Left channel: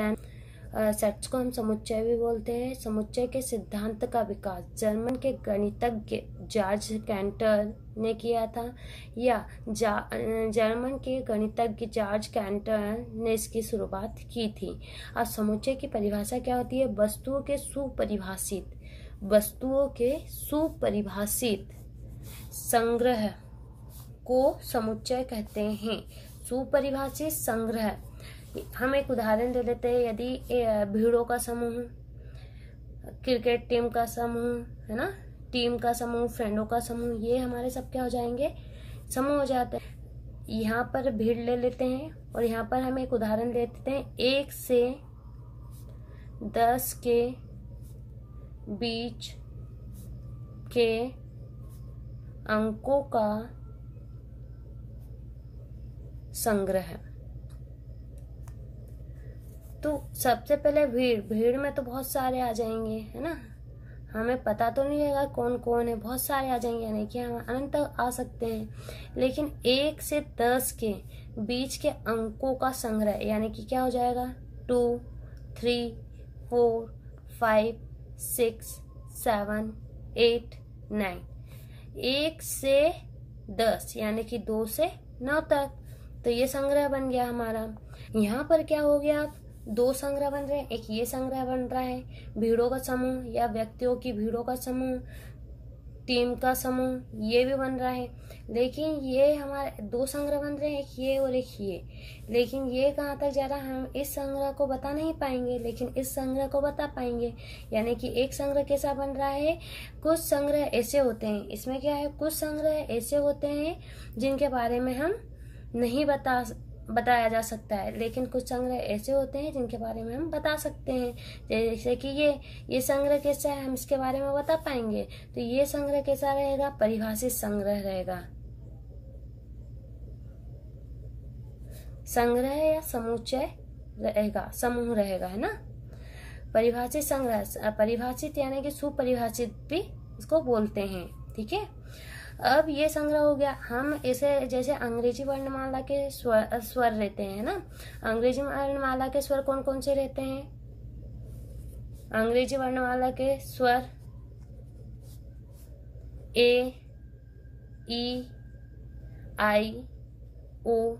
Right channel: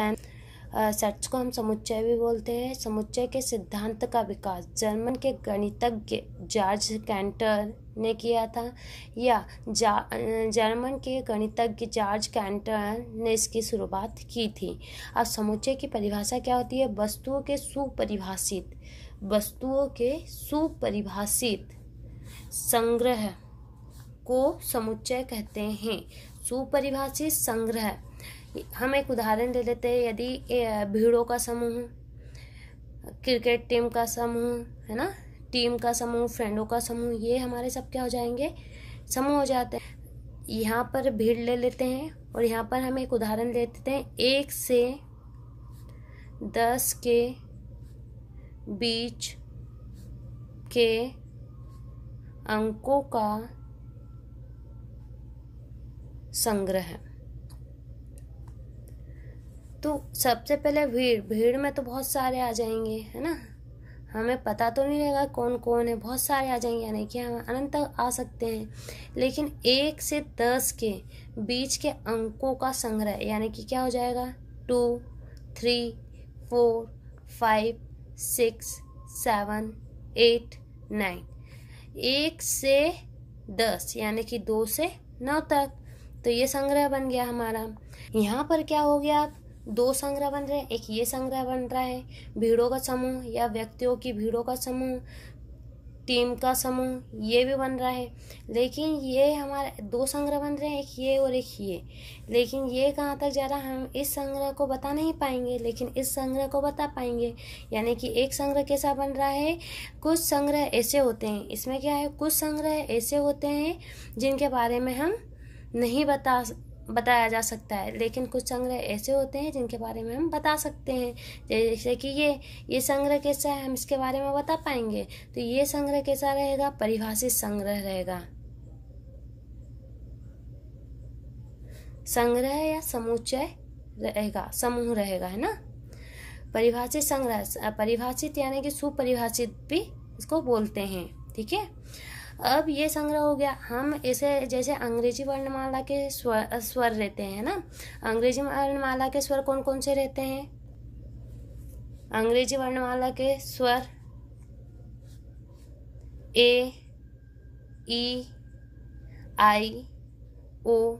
है। सेट्स को हम समुच्चय भी बोलते हैं। समुच्चय के सिद्धांत का विकास जर्मन के गणितज्ञ जॉर्ज कैंटर ने किया था, या जर्मन के गणितज्ञ जॉर्ज कैंटर ने इसकी शुरुआत की थी। अब समुच्चय की परिभाषा क्या होती है? वस्तुओं के सुपरिभाषित संग्रह को समुच्चय कहते हैं। सुपरिभाषित संग्रह, हम एक उदाहरण ले लेते हैं। यदि भीड़ों का समूह, क्रिकेट टीम का समूह, है ना, टीम का समूह, फ्रेंडों का समूह, ये हमारे सब क्या हो जाएंगे? समूह हो जाते हैं। यहाँ पर भीड़ ले लेते हैं और यहाँ पर हम एक उदाहरण ले लेते हैं। 1 से 10 के बीच के अंकों का संग्रह। तो सबसे पहले भीड़ में तो बहुत सारे आ जाएंगे, है ना, हमें पता तो नहीं रहेगा कौन कौन है, बहुत सारे आ जाएंगे, यानी कि हम अनंत आ सकते हैं। लेकिन 1 से 10 के बीच के अंकों का संग्रह, यानी कि क्या हो जाएगा? 2, 3, 4, 5, 6, 7, 8, 9। 1 से 10 यानी कि 2 से 9 तक, तो ये संग्रह बन गया हमारा। यहाँ पर क्या हो गया? 2 संग्रह बन रहे हैं। एक ये संग्रह बन रहा है भीड़ों का समूह या व्यक्तियों की भीड़ों का समूह, टीम का समूह, ये भी बन रहा है। लेकिन ये हमारे 2 संग्रह बन रहे हैं, एक ये और एक ये। लेकिन ये कहाँ तक जा रहा है? हम इस संग्रह को बता नहीं पाएंगे, लेकिन इस संग्रह को बता पाएंगे। यानी कि एक संग्रह कैसा बन रहा है? कुछ संग्रह ऐसे होते हैं, इसमें क्या है, कुछ संग्रह ऐसे होते हैं जिनके बारे में हम नहीं बताया जा सकता है, लेकिन कुछ संग्रह ऐसे होते हैं जिनके बारे में हम बता सकते हैं। जैसे कि ये संग्रह कैसा है, हम इसके बारे में बता पाएंगे। तो ये संग्रह कैसा रहेगा? परिभाषित संग्रह रहेगा। संग्रह या समुच्चय रहेगा, समूह रहेगा, है ना। परिभाषित संग्रह, परिभाषित यानी कि सुपरिभाषित भी इसको बोलते हैं, ठीक है। अब ये संग्रह हो गया। हम इसे जैसे अंग्रेजी वर्णमाला के स्वर रहते हैं ना, अंग्रेजी वर्णमाला के स्वर कौन कौन से रहते हैं? अंग्रेजी वर्णमाला के स्वर ए, ई, आई, ओ,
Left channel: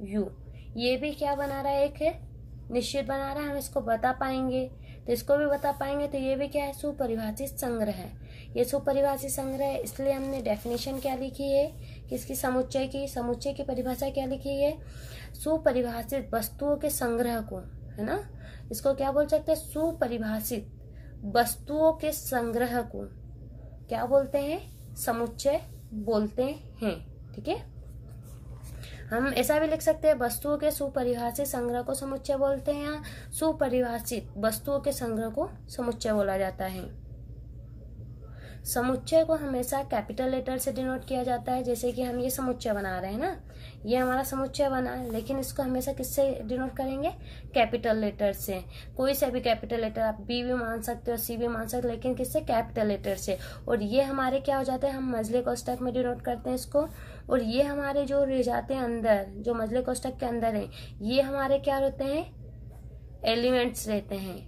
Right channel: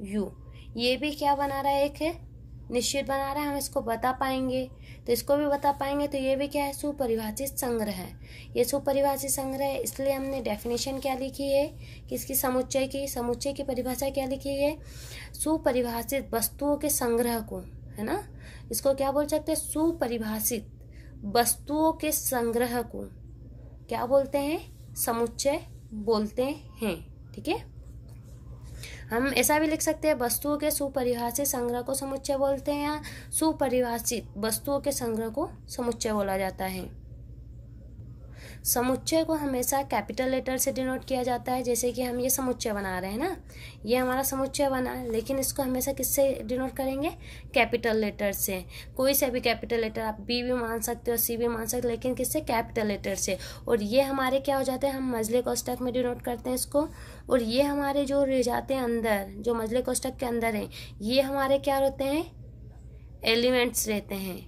यू, ये भी क्या बना रहा है? एक निश्चित बना रहा है, हम इसको बता पाएंगे, तो इसको भी बता पाएंगे। तो ये भी क्या है? सुपरिभाषित संग्रह है। ये सुपरिभाषित संग्रह है, इसलिए हमने डेफिनेशन क्या लिखी है कि इसकी समुच्चय की परिभाषा क्या लिखी है? सुपरिभाषित वस्तुओं के संग्रह को, है ना, इसको क्या बोल सकते हैं? सुपरिभाषित वस्तुओं के संग्रह को क्या बोलते हैं? समुच्चय बोलते हैं, ठीक है। हम ऐसा भी लिख सकते हैं, वस्तुओं के सुपरिभाषित संग्रह को समुच्चय बोलते हैं, या सुपरिभाषित वस्तुओं के संग्रह को समुच्चय बोला जाता है। समुच्चय को हमेशा कैपिटल लेटर से डिनोट किया जाता है। जैसे कि हम ये समुच्चय बना रहे हैं ना, ये हमारा समुच्चय बना, लेकिन इसको हमेशा किससे डिनोट करेंगे? कैपिटल लेटर से। कोई से भी कैपिटल लेटर, आप बी भी मान सकते हो, सी भी मान सकते हो, लेकिन किससे? कैपिटल लेटर से। और ये हमारे क्या हो जाते हैं? हम मजले कोष्ठक में डिनोट करते हैं इसको। और ये हमारे जो रह जाते हैं अंदर, जो मजले कोष्ठक के अंदर है, ये हमारे क्या रहते हैं? एलिमेंट्स रहते हैं।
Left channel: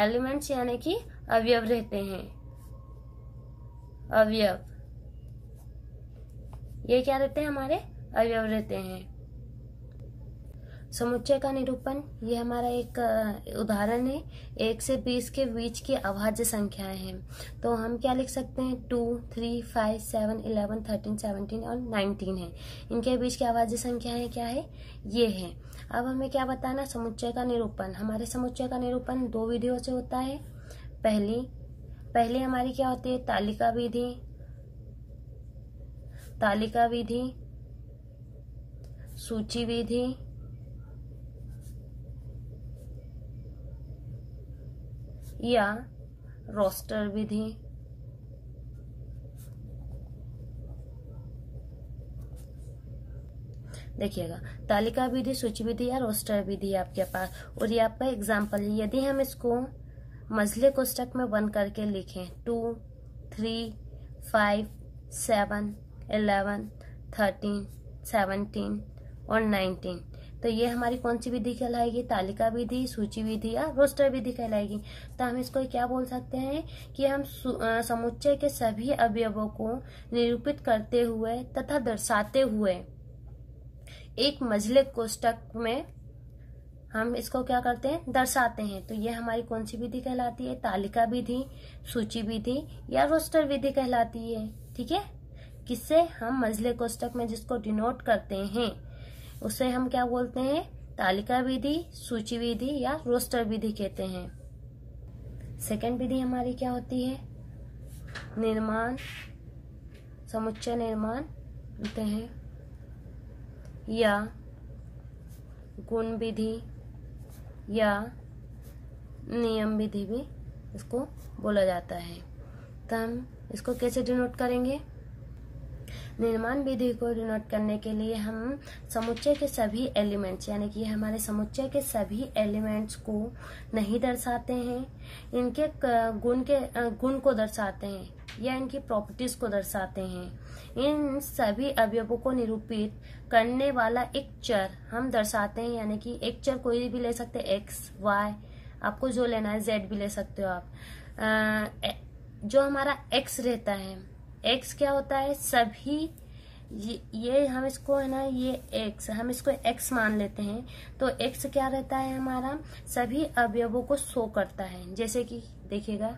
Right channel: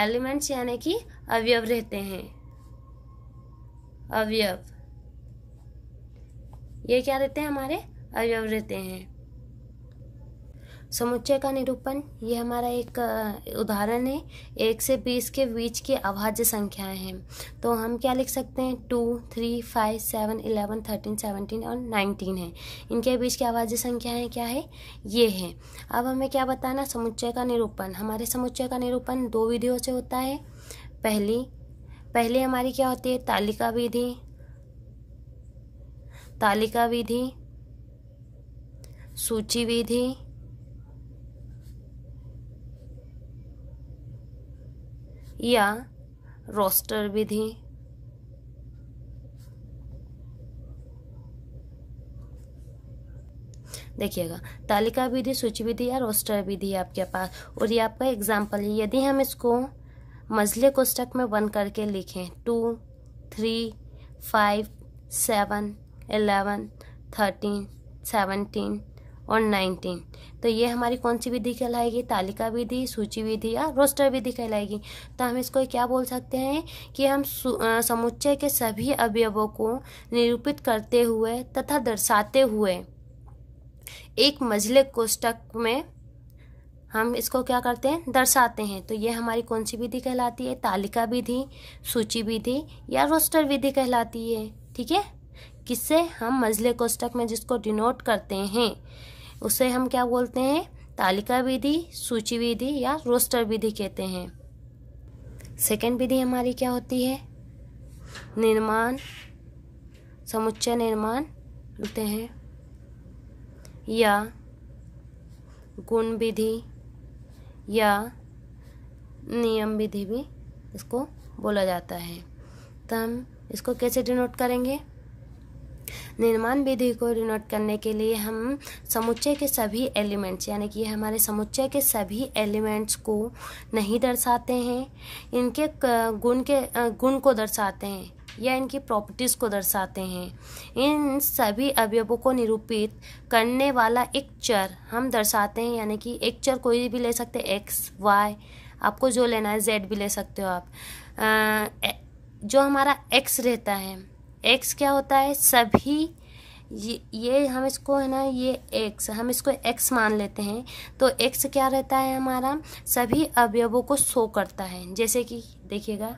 एलिमेंट्स यानी कि अवयव रहते हैं। अवयव, ये क्या रहते हैं? हमारे अवयव रहते हैं। समुच्चय का निरूपण, ये हमारा एक उदाहरण है। 1 से 20 के बीच की अभाज्य संख्याएं हैं, तो हम क्या लिख सकते हैं? 2, 3, 5, 7, 11, 13, 17 और 19 है। इनके बीच की अभाज्य संख्याएं क्या है? ये है। अब हमें क्या बताना? समुच्चय का निरूपण। हमारे समुच्चय का निरूपण 2 विधियों से होता है। पहली हमारी क्या होती है? तालिका विधि, सूची विधि, या रोस्टर विधि। देखिएगा, तालिका विधि, सूची विधि या रोस्टर विधि आपके पास, और ये आपका एग्जाम्पल है। यदि हम इसको मजले कोष्ठक में बंद करके लिखें 2, 3, 5, 7, 11, 13, 17 और 19। तो ये हमारी कौन सी विधि कहलाएगी? तालिका विधि, सूची विधि या रोस्टर विधि कहलाएगी। तो हम इसको क्या बोल सकते हैं कि हम समुच्चय के सभी अवयवों को निरूपित करते हुए तथा दर्शाते हुए एक मझले कोष्ठक में हम इसको क्या करते हैं? दर्शाते हैं। तो ये हमारी कौन सी विधि कहलाती है? तालिका विधि, सूची विधि या रोस्टर विधि कहलाती है। ठीक है, किससे? हम मझले कोष्ठक में जिसको डिनोट करते हैं उसे हम क्या बोलते हैं? तालिका विधि, सूची विधि या रोस्टर विधि कहते हैं। सेकंड विधि हमारी क्या होती है? निर्माण, समुच्चय निर्माण बोलते हैं या गुण विधि या नियम विधि भी इसको बोला जाता है। तो हम इसको कैसे डिनोट करेंगे? निर्माण विधि को डिनोट करने के लिए हम समुच्चय के सभी एलिमेंट्स, यानी कि हमारे समुच्चय के सभी एलिमेंट्स को नहीं दर्शाते हैं, इनके गुण को दर्शाते हैं या इनकी प्रॉपर्टीज को दर्शाते हैं। इन सभी अवयवों को निरूपित करने वाला एक चर हम दर्शाते हैं, यानी कि एक चर कोई भी ले सकते हैं, एक्स, वाई, आपको जो लेना है, जेड भी ले सकते हो आप। जो हमारा एक्स रहता है, एक्स क्या होता है? सभी ये हम इसको है ना, ये एक्स, हम इसको एक्स मान लेते हैं। तो एक्स क्या रहता है? हमारा सभी अवयवों को शो करता है। जैसे कि देखिएगा,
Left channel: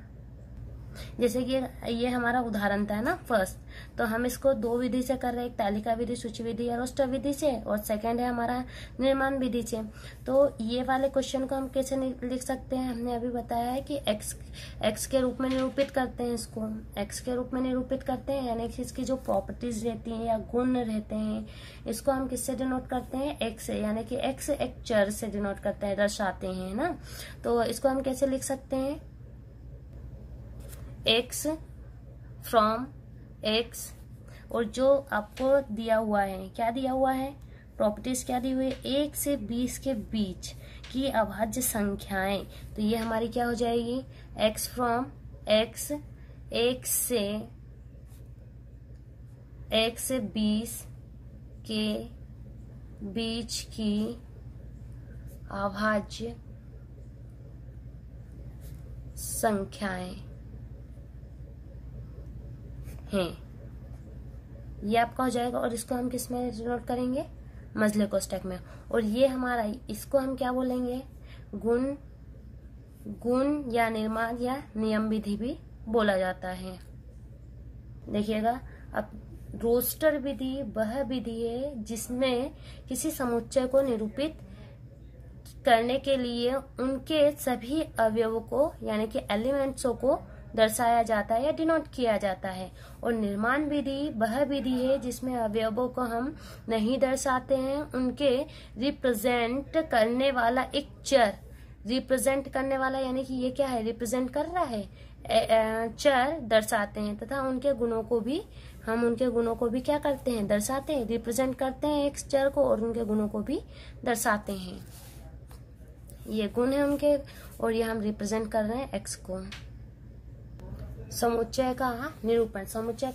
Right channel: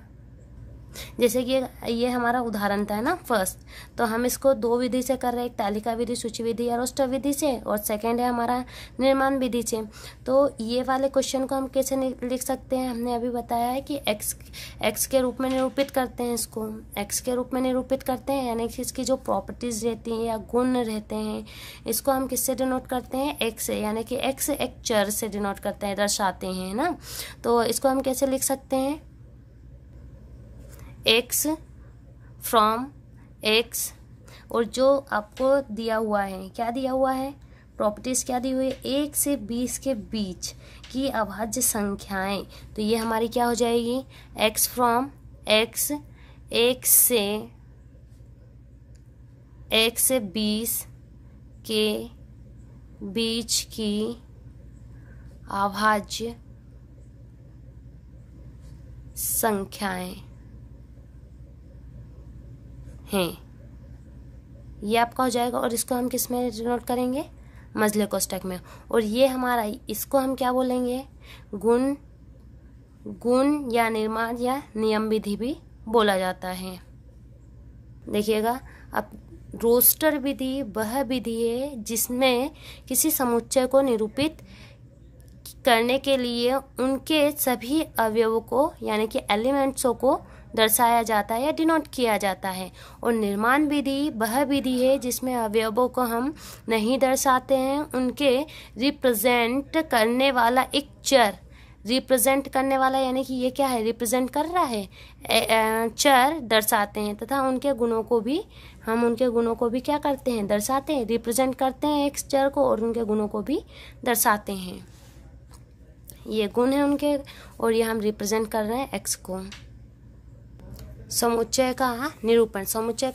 जैसे कि ये हमारा उदाहरण था ना फर्स्ट, तो हम इसको दो विधि से कर रहे हैं, एक तालिका विधि, सूची विधि या रोस्टर विधि से, और सेकंड है हमारा निर्माण विधि से। तो ये वाले क्वेश्चन को हम कैसे लिख सकते हैं? हमने अभी बताया है कि एक्स के रूप में निरूपित करते हैं, इसको एक्स के रूप में निरूपित करते हैं, यानी कि इसकी जो प्रॉपर्टीज रहती हैं या गुण रहते हैं, इसको हम किससे डिनोट करते हैं? एक्स से, यानी कि एक्स एक चर से डिनोट करते हैं, दर्शाते हैं ना। तो इसको हम कैसे लिख सकते हैं? एक्स फ्रॉम एक्स, और जो आपको दिया हुआ है, क्या दिया हुआ है? प्रॉपर्टीज क्या दी हुई है? 1 से 20 के बीच की अभाज्य संख्याएं। तो ये हमारी क्या हो जाएगी? एक्स फ्रॉम एक्स, 1 से 20 के बीच की अभाज्य संख्याएं हैं, ये आपका हो जाएगा। और इसको हम किस में डिनोट करेंगे? मझले कोष्ठक में। और ये हमारा, इसको हम क्या बोलेंगे? गुण या निर्माण या नियम विधि भी बोला जाता है। देखिएगा, अब रोस्टर विधि वह विधि है जिसमें किसी समुच्चय को निरूपित करने के लिए उनके सभी अवयवों को, यानी कि एलिमेंट्सों को दर्शाया जाता है या डिनोट किया जाता है। और निर्माण विधि वह विधि है जिसमें अवयवों को हम नहीं दर्शाते हैं, उनके रिप्रेजेंट करने वाला एक चर, रिप्रेजेंट करने वाला यानी कि ये क्या है? रिप्रेजेंट कर रहा है, चर दर्शाते हैं, तथा उनके गुणों को भी क्या करते हैं? दर्शाते हैं, रिप्रेजेंट करते हैं एक चर को, और उनके गुणों को भी दर्शाते हैं। ये गुण है उनके, और ये हम रिप्रेजेंट कर रहे हैं एक्स को। समुच्चय का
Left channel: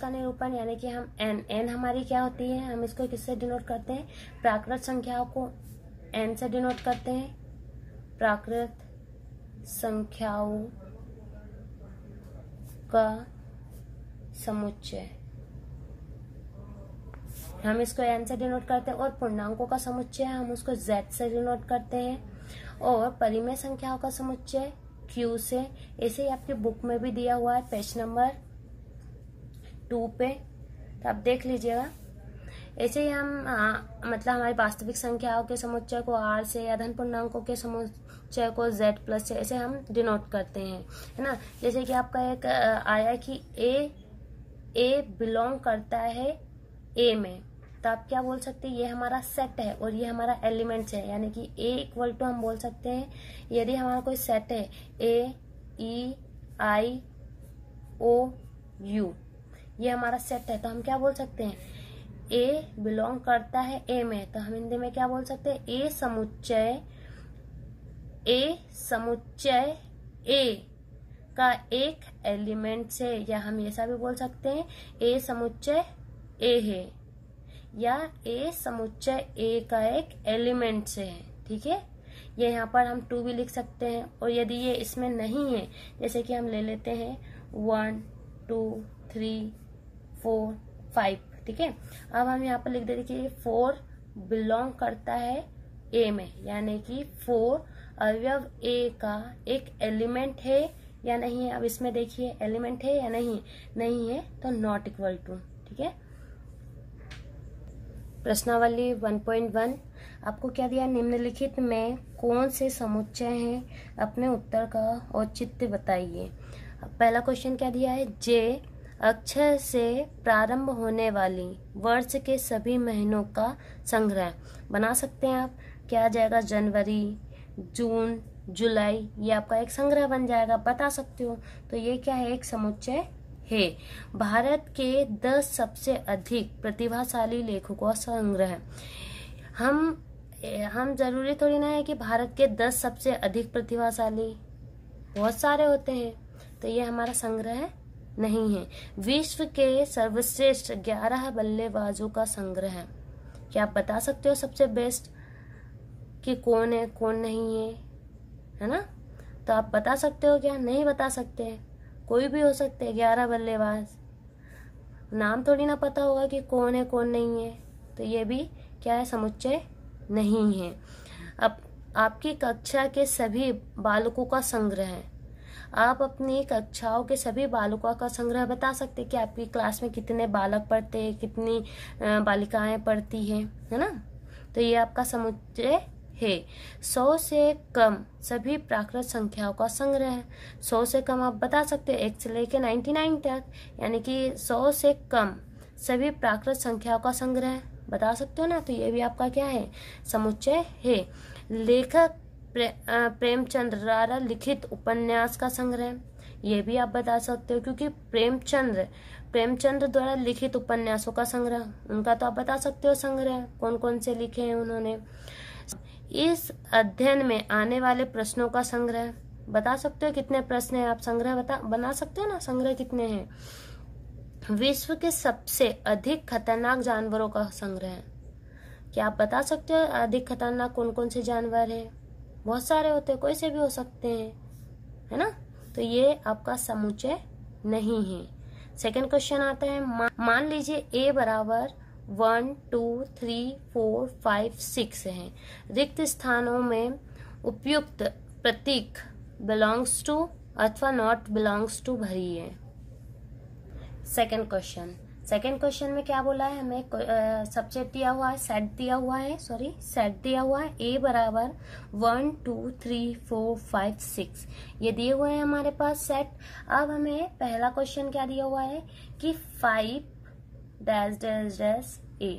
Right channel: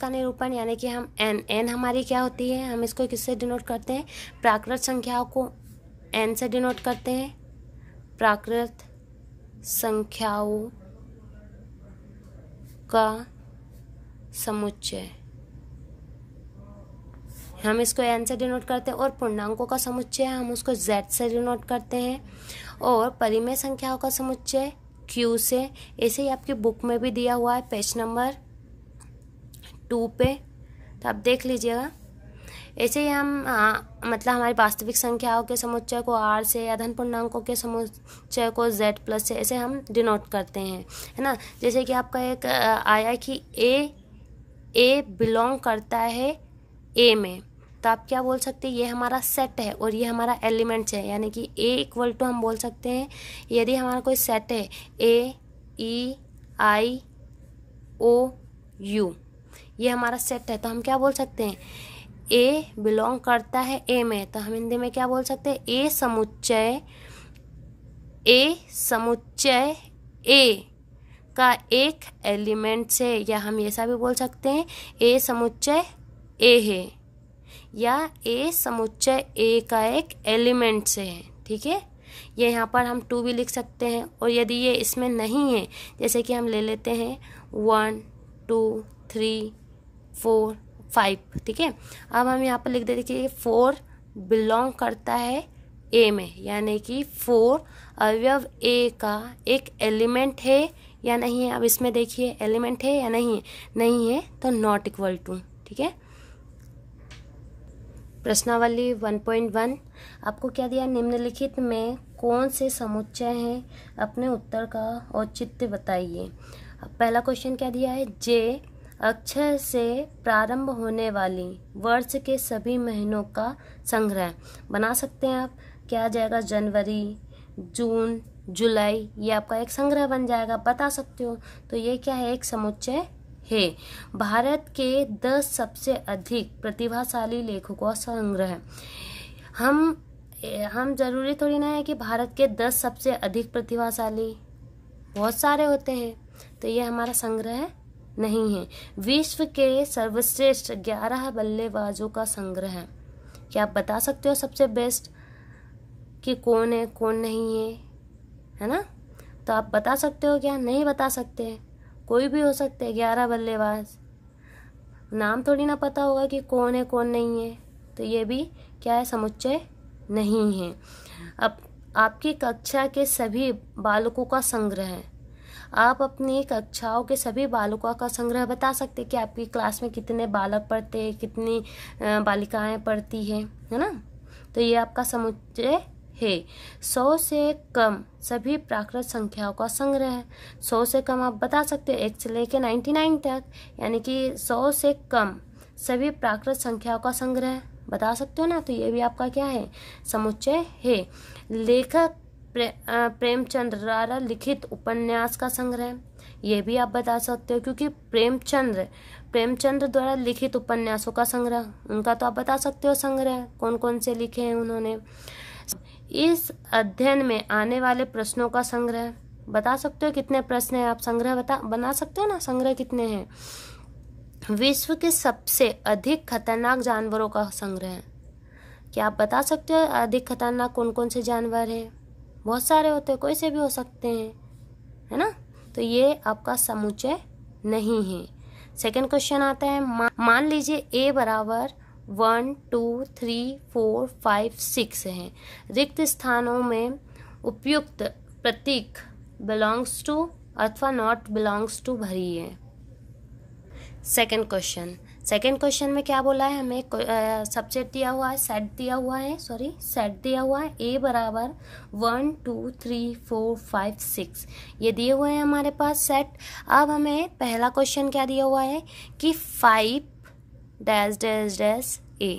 निरूपण यानी कि हम एन हमारी क्या होती है? हम इसको किससे डिनोट करते हैं? प्राकृत संख्याओं को एन से डिनोट करते हैं। प्राकृत संख्याओं का समुच्चय, हम इसको एन से डिनोट करते हैं। और पूर्णांकों का समुच्चय हम उसको जेड से डिनोट करते हैं। और परिमेय संख्याओं का समुच्चय क्यू से। ऐसे ही आपकी बुक में भी दिया हुआ है पेज नंबर 2 पे, तो आप देख लीजिएगा। ऐसे ही हम मतलब हमारी वास्तविक संख्याओं के समुच्चय को आर से, या धन पूर्णांकों के समुच्चय को जेड प्लस से ऐसे हम डिनोट करते हैं, है ना। जैसे कि आपका एक आया कि ए बिलोंग करता है ए में, तो आप क्या बोल सकते हैं? ये हमारा सेट है और ये हमारा एलिमेंट्स है, यानी कि ए इक्वल टू हम बोल सकते हैं, यदि हमारा कोई सेट है ए ई आई ओ यू, ये हमारा सेट है, तो हम क्या बोल सकते हैं? ए बिलोंग करता है ए में, तो हम हिंदी में क्या बोल सकते हैं? ए समुच्चय ए का एक एलिमेंट से, या हम ऐसा भी बोल सकते हैं ए समुच्चय ए है, या ए समुच्चय ए का एक एलिमेंट से है। ठीक है, ये यहाँ पर हम 2 भी लिख सकते हैं। और यदि ये इसमें नहीं है, जैसे कि हम ले लेते हैं 1 2 3 4 5। ठीक है, अब हम यहाँ पर लिख देते कि 4 बिलोंग करता है ए में, यानी कि 4 अवयव ए का एक एलिमेंट है या नहीं है। अब इसमें देखिए एलिमेंट है या नहीं है, नहीं है तो नॉट इक्वल टू। ठीक है, प्रश्नावली 1.1 आपको क्या दिया, निम्नलिखित में कौन से समुच्चय हैं, अपने उत्तर का औचित्य बताइए। पहला क्वेश्चन क्या दिया है, जे अक्षर से प्रारंभ होने वाली वर्ष के सभी महीनों का संग्रह। बना सकते हैं आप, क्या आ जाएगा, जनवरी, जून, जुलाई, ये आपका एक संग्रह बन जाएगा, बता सकते हो। तो ये क्या है, एक समुच्चय है। भारत के 10 सबसे अधिक प्रतिभाशाली लेखकों का संग्रह। हम जरूरी थोड़ी ना है कि भारत के 10 सबसे अधिक प्रतिभाशाली, बहुत सारे होते हैं, तो ये हमारा संग्रह नहीं है। विश्व के सर्वश्रेष्ठ 11 बल्लेबाजों का संग्रह है। क्या आप बता सकते हो सबसे बेस्ट कि कौन है कौन नहीं है ना? तो आप बता सकते हो क्या? नहीं बता सकते, कोई भी हो सकते हैं 11 बल्लेबाज, नाम थोड़ी ना पता होगा कि कौन है कौन नहीं है। तो ये भी क्या है, समुच्चय नहीं है। अब आपकी कक्षा के सभी बालकों का संग्रह है। आप अपनी कक्षाओं के सभी बालकों का संग्रह बता सकते कि आपकी क्लास में कितने बालक पढ़ते हैं, कितनी बालिकाएं पढ़ती है ना? तो ये आपका समुच्चय है। 100 से कम सभी प्राकृत संख्याओं का संग्रह है। 100 से कम आप बता सकते हो 1 से लेकर 99 तक, यानी कि 100 से कम सभी प्राकृत संख्याओं का संग्रह बता सकते हो ना? तो ये भी आपका क्या है, समुच्चय है। लेखक प्रेमचंद द्वारा लिखित उपन्यास का संग्रह, ये भी आप बता सकते हो, क्योंकि प्रेमचंद द्वारा लिखित उपन्यासों का संग्रह, उनका तो आप बता सकते हो संग्रह, कौन कौन से लिखे हैं उन्होंने। इस अध्ययन में आने वाले प्रश्नों का संग्रह बता सकते हो, कितने प्रश्न हैं, आप संग्रह बना सकते हो ना, संग्रह कितने हैं। विश्व के सबसे अधिक खतरनाक जानवरों का संग्रह, क्या आप बता सकते हो अधिक खतरनाक कौन कौन से जानवर हैं? बहुत सारे होते हैं, कोई से भी हो सकते हैं, है ना? तो ये आपका समुच्चय नहीं है। सेकंड क्वेश्चन आता है, मान लीजिए a बराबर 1 2 3 4 5 6 है। रिक्त स्थानों में उपयुक्त प्रतीक बिलोंग्स टू अथवा नॉट बिलोंग्स टू भरिए। सेकंड क्वेश्चन में क्या बोला है, हमें सबसेट दिया हुआ है, सेट दिया हुआ है a बराबर 1 2 3 4 5 6, ये दिए हुए हैं हमारे पास सेट। अब हमें पहला क्वेश्चन क्या दिया हुआ है कि 5 डैश डैश डैश a,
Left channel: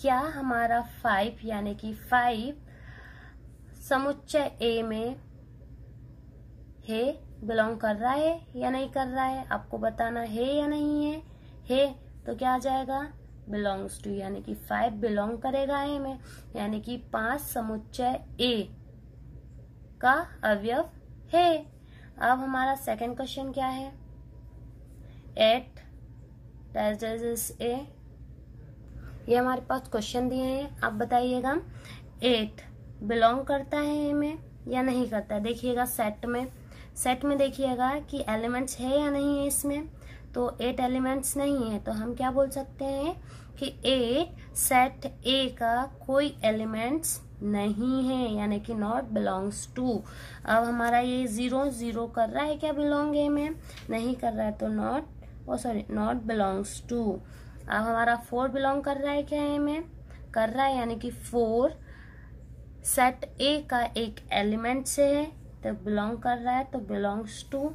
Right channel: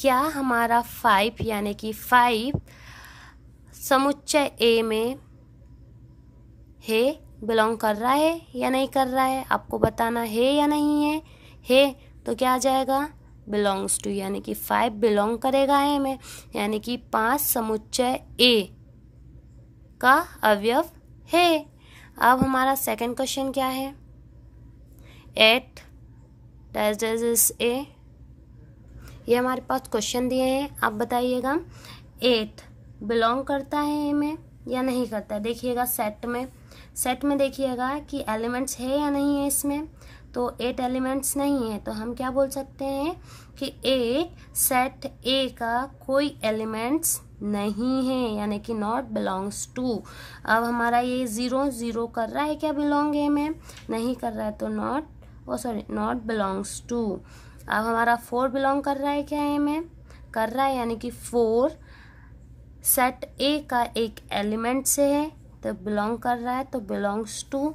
क्या हमारा 5 यानी कि 5 समुच्चय a में है, बिलोंग कर रहा है या नहीं कर रहा है, आपको बताना है या नहीं है तो क्या आ जाएगा, बिलोंग्स टू, यानी कि 5 बिलोंग करेगा ए में, यानी कि 5 समुच्चय ए का अवयव है। अब हमारा सेकंड क्वेश्चन क्या है, 8 डैश डैश ए, ये हमारे पास क्वेश्चन दिए हैं, आप बताइएगा 8 बिलोंग करता है ए में या नहीं करता है। देखिएगा सेट में देखिएगा कि एलिमेंट्स है या नहीं है इसमें, तो 8 एलिमेंट्स नहीं है, तो हम क्या बोल सकते हैं कि 8 सेट ए का कोई एलिमेंट्स नहीं है, यानी कि नॉट बिलोंग्स टू। अब हमारा ये 0 कर रहा है क्या बिलोंग ए में, नहीं कर रहा है, तो नॉट बिलोंग्स टू। अब हमारा 4 बिलोंग कर रहा है क्या ए में, कर रहा है, यानी कि 4 सेट ए का एक एलिमेंट से है तो बिलोंग कर रहा है, तो बिलोंग्स टू।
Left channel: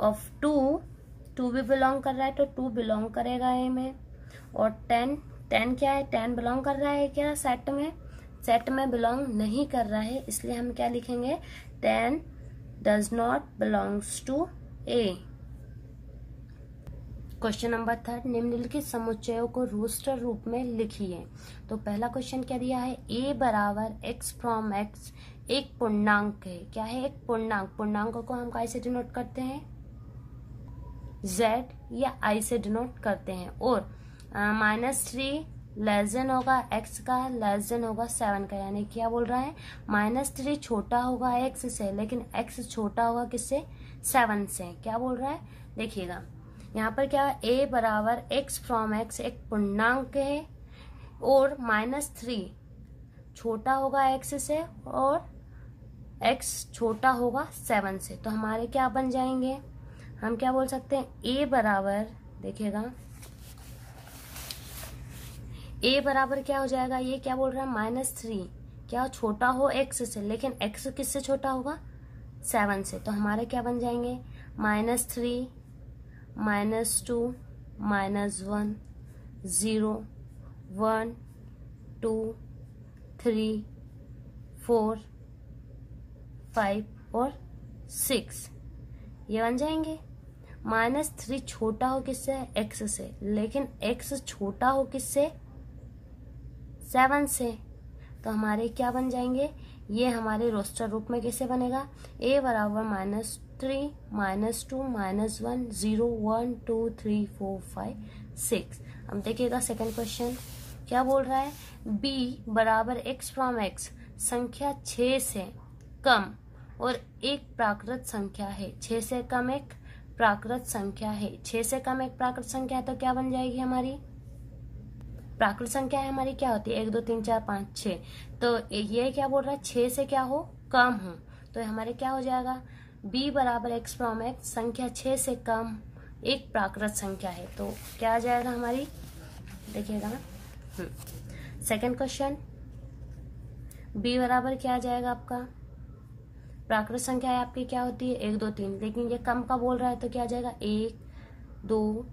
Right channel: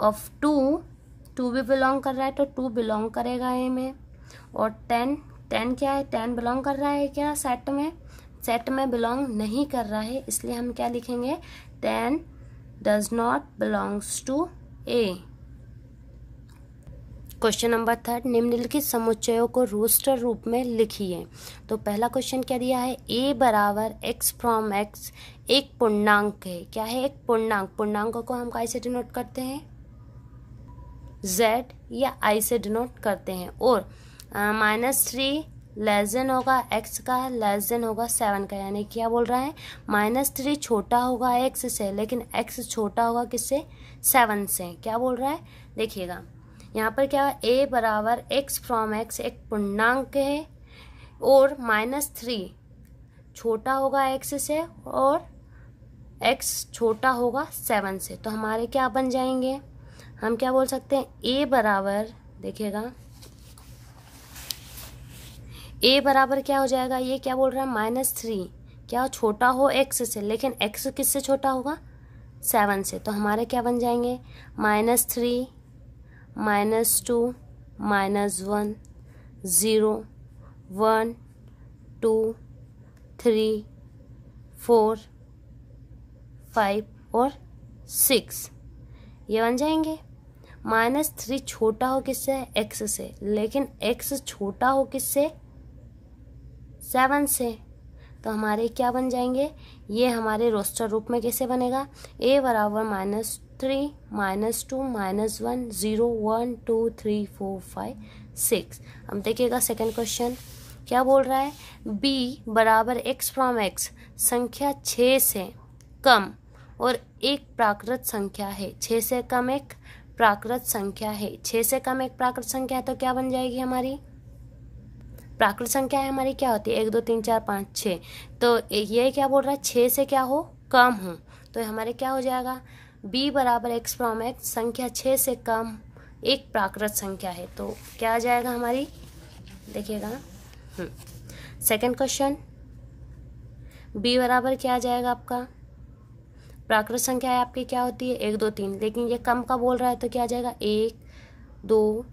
ऑफ 2 भी बिलोंग कर रहा है तो 2 बिलोंग करेगा ए में। और 10 क्या है, 10 बिलोंग कर रहा है क्या सेट में बिलोंग नहीं कर रहा है, इसलिए हम क्या लिखेंगे, 10 does not belongs to A. Question number 3, निम्नलिखित समुच्चयों को रोस्टर रूप में लिखिए। तो पहला क्वेश्चन क्या दिया है, a बराबर x फ्रॉम x एक पूर्णांक है। क्या है, एक पूर्णांक को हम कैसे डिनोट करते हैं, z या i से डिनोट करते हैं। और -3 लेस देन होगा x का, लेस देन होगा 7 का, यानी क्या बोल रहा है -3 छोटा होगा x से, लेकिन x छोटा होगा किससे, 7 से। क्या बोल रहा है देखिएगा यहाँ पर क्या है, a बराबर x फ्रॉम x एक पूर्णांक है और -3 छोटा होगा x से और x छोटा होगा 7 से। तो हमारे क्या बन जाएंगे, हम क्या बोल सकते हैं a बराबर, देखिएगा a बराबर क्या हो जाएगा, ये क्या बोल रहा है -3 क्या छोटा हो x से, लेकिन x किससे छोटा होगा 7 से। तो हमारे क्या बन जाएंगे -3 -2 -1 0 1 2 3 4 5 और 6 ये बन जाएंगे। -3 छोटा हो किससे, x से, लेकिन x छोटा हो किससे 7 से। तो हमारे क्या बन जाएंगे, ये हमारे रोस्टर रूप में कैसे बनेगा, a बराबर -3 -2 -1 0 1 2 3 4 5 6। अब देखिएगा सेकंड क्वेश्चन क्या बोल रहा है, b बराबर x फ्रॉम x संख्या 6 से कम और एक प्राकृत संख्या है। 6 से कम एक प्राकृत संख्या है, 6 से कम एक प्राकृत संख्या है, तो क्या बन जाएगी हमारी प्राकृत संख्या है हमारी क्या होती है 1 2 3 4 5 6। तो ये क्या बोल रहा है 6 से क्या हो कम हो, तो हमारे क्या हो जाएगा b बराबर x फ्रॉम x संख्या 6 से कम एक प्राकृत संख्या है। तो क्या आ जाएगा हमारी, देखिएगा सेकंड क्वेश्चन b बराबर क्या आ जाएगा आपका, प्राकृत संख्या है आपकी क्या होती है 1 2 3, लेकिन ये कम का बोल रहा है तो क्या आ जाएगा 1 2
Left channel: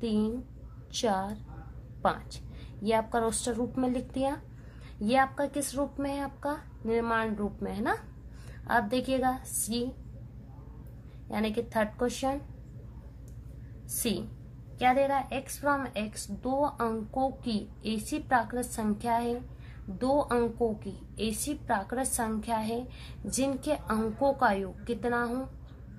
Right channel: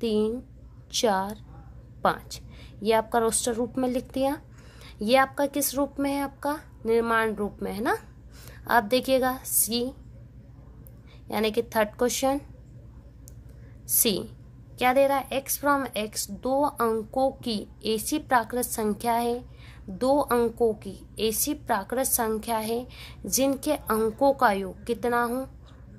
3 4 5। ये आपका रोस्टर रूप में लिख दिया। ये आपका किस रूप में है, आपका निर्माण रूप में है ना। आप देखिएगा सी यानी कि थर्ड क्वेश्चन सी क्या दे रहा है, x फ्रॉम x 2 अंकों की ऐसी प्राकृत संख्या है, 2 अंकों की ऐसी प्राकृत संख्या है जिनके अंकों का योग कितना हो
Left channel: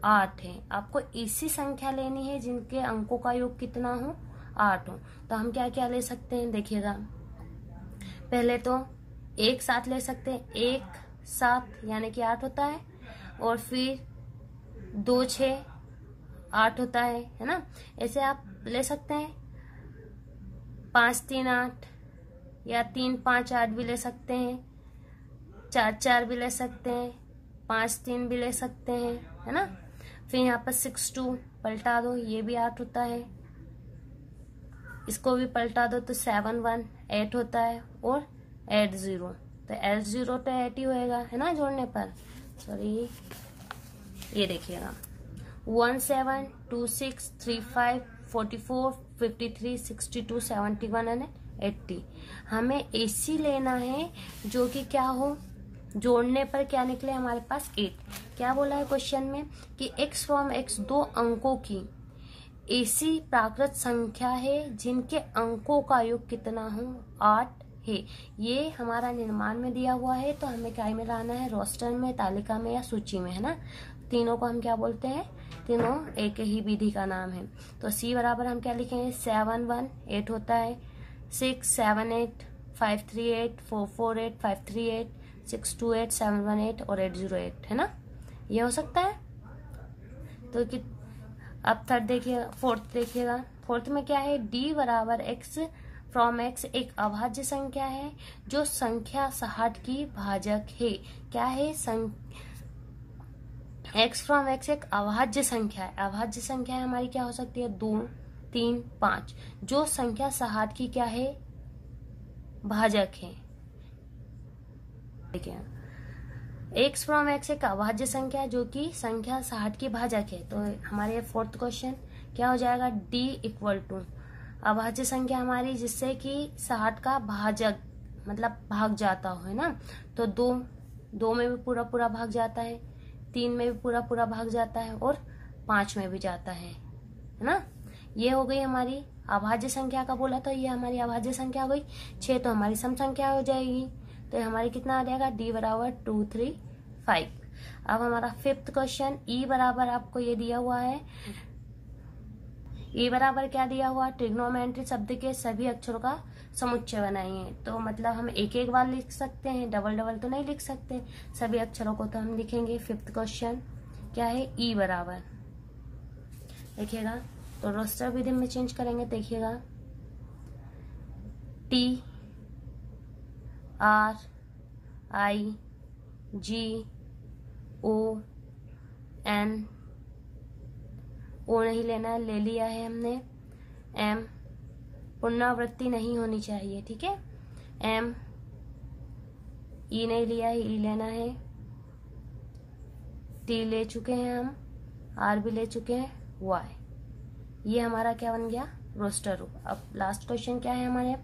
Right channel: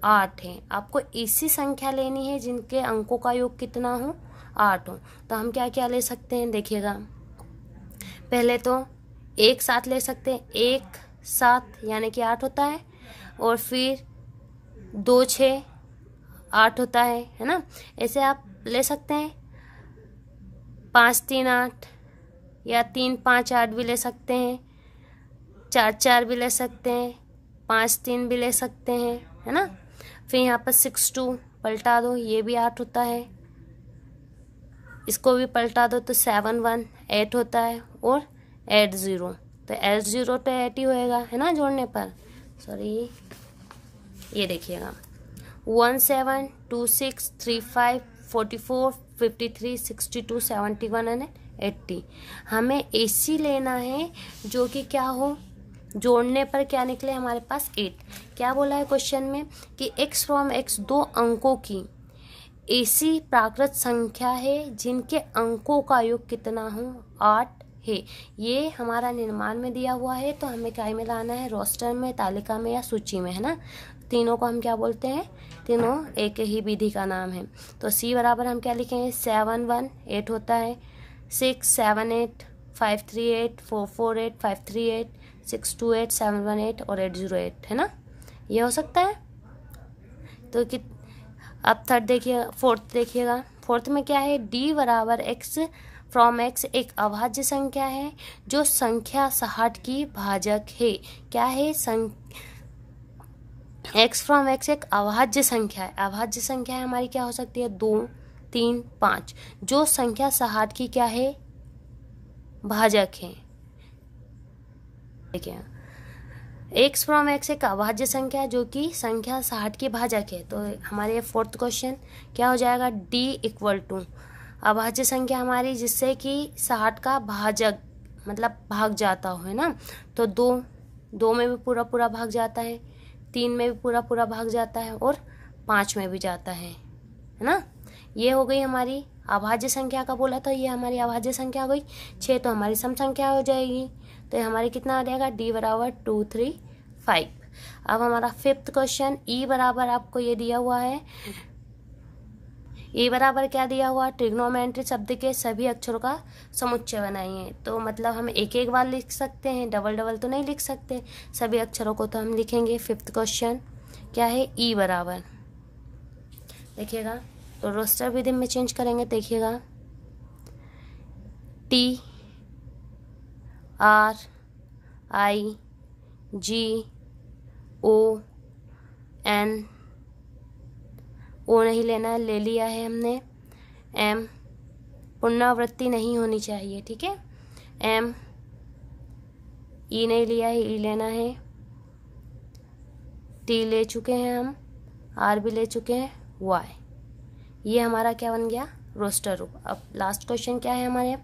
8 है। आपको ऐसी संख्या लेनी है जिनके अंकों का योग कितना हो 8 हो। तो हम क्या क्या ले सकते हैं, देखिएगा पहले तो एक साथ ले सकते हैं, 1 7 यानी कि 8 होता है, और फिर 2 6 8 होता है ना। ऐसे आप ले सकते हैं 5 3 8 या 3 5 8 भी ले सकते हैं, 4 4 भी ले सकते हैं, 5 3 भी ले सकते हैं, है ना। फिर यहाँ पर 6 2 पलटा दो, ये भी 8 होता है, इसको भी पलटा दो तो 7 1 8 होता है, और 8 0 तो 8 0 तो 8 ही होएगा है ना जोड़ने पर। सॉरी ये देखिएगा 1 7 2 6 3 5 44 53 62 71 एंड 80। हमें AC लेना है जो कि क्या हो, जोड़ने पर क्या निकले हमारे पास 8। क्या बोला है क्वेश्चन में कि x फ्रॉम x 2 अंकों की ऐसी प्राकृत संख्या है जिनके अंकों का योग कितना हो 8 है। ये हमारा निर्माण में दिया हुआ है, तो हमें क्या में लाना है, रोस्टर में, तालिका में या सूची में, है ना। तीनों को हम क्या बोलते हैं, तीनों एक ही विधि का नाम है। तो C बराबर हम क्या लिखेंगे 7 1 8 होता है, 6 7 8 5 3 8 4 4 8 5 3 8 6 2 8 7 1 8 और 8 0 8, है ना। ये हो सकता है। तो कि अब थर्ड देखिए, फोर्थ देखिएगा, फोर्थ में क्या है, D बराबर x फ्रॉम x एक अभाज्य संख्या है जो संख्या 60 की भाजक है। क्या है, x फ्रॉम x एक अभाज्य संख्या है। अभाज्य संख्या है हमारी क्या हो सकती है 2 3 5, जो संख्या 60 की क्या है भाजक है। देखिए x फ्रॉम x एक अभाज्य संख्या जो कि संख्या 60 की भाजक है। तो हमारे फोर्थ क्वेश्चन क्या हो जाएगा, D इक्वल टू अभाज्य संख्या हमारी जिससे कि 60 का भाजक मतलब भाग जाता हो, है ना। तो 2 में भी पूरा पूरा भाग जाता है, 3 में भी पूरा पूरा भाग जाता है, और 5 में भी जाता है ना। ये हो गई हमारी अभाज्य संख्या का बोला, तो ये हमारी अभाज्य संख्या हो गई। 6 तो हमारी सम संख्या हो जाएगी, तो हमारी कितना हो जाएगा D बराबर 2 3 5। अब हमारा फिफ्थ क्वेश्चन E बराबर आपको ये दिया हुआ है ए बराबर क्या दिया हुआ, ट्रिग्नोमेट्री शब्द के सभी अक्षरों का समुच्चय बनाइए। तो मतलब हम एक एक बार लिख सकते हैं, डबल डबल तो नहीं लिख सकते, सभी अक्षरों को तो हम लिखेंगे। फिफ्थ क्वेश्चन क्या है, ई बराबर, देखिएगा तो रोस्टर विधि में चेंज करेंगे। देखिएगा T R I G O N, O नहीं लेना है, ले लिया है हमने, एम, पुनरावृत्ति नहीं होनी चाहिए, ठीक है, एम, ई नहीं लिया है, ई लेना है, टी ले चुके हैं हम, आर भी ले चुके हैं, वाई, ये हमारा क्या बन गया, रोस्टर रूप। अब लास्ट क्वेश्चन क्या है हमारे,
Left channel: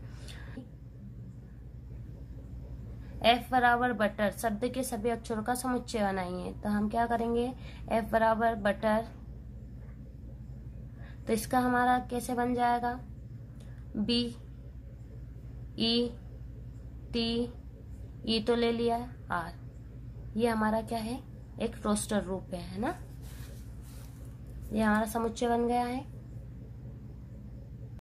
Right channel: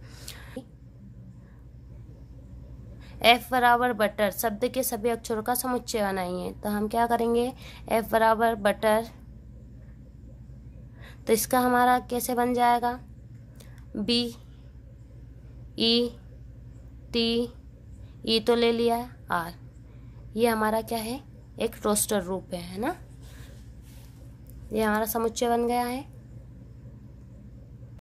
एफ बराबर बटर शब्द के सभी अक्षरों का समुच्चय बनाइए। तो हम क्या करेंगे, एफ बराबर बटर, तो इसका हमारा कैसे बन जाएगा, बी ई टी, ई तो ले लिया है, आर, ये हमारा क्या है, एक रोस्टर रूप है ना, ये हमारा समुच्चय बन गया है।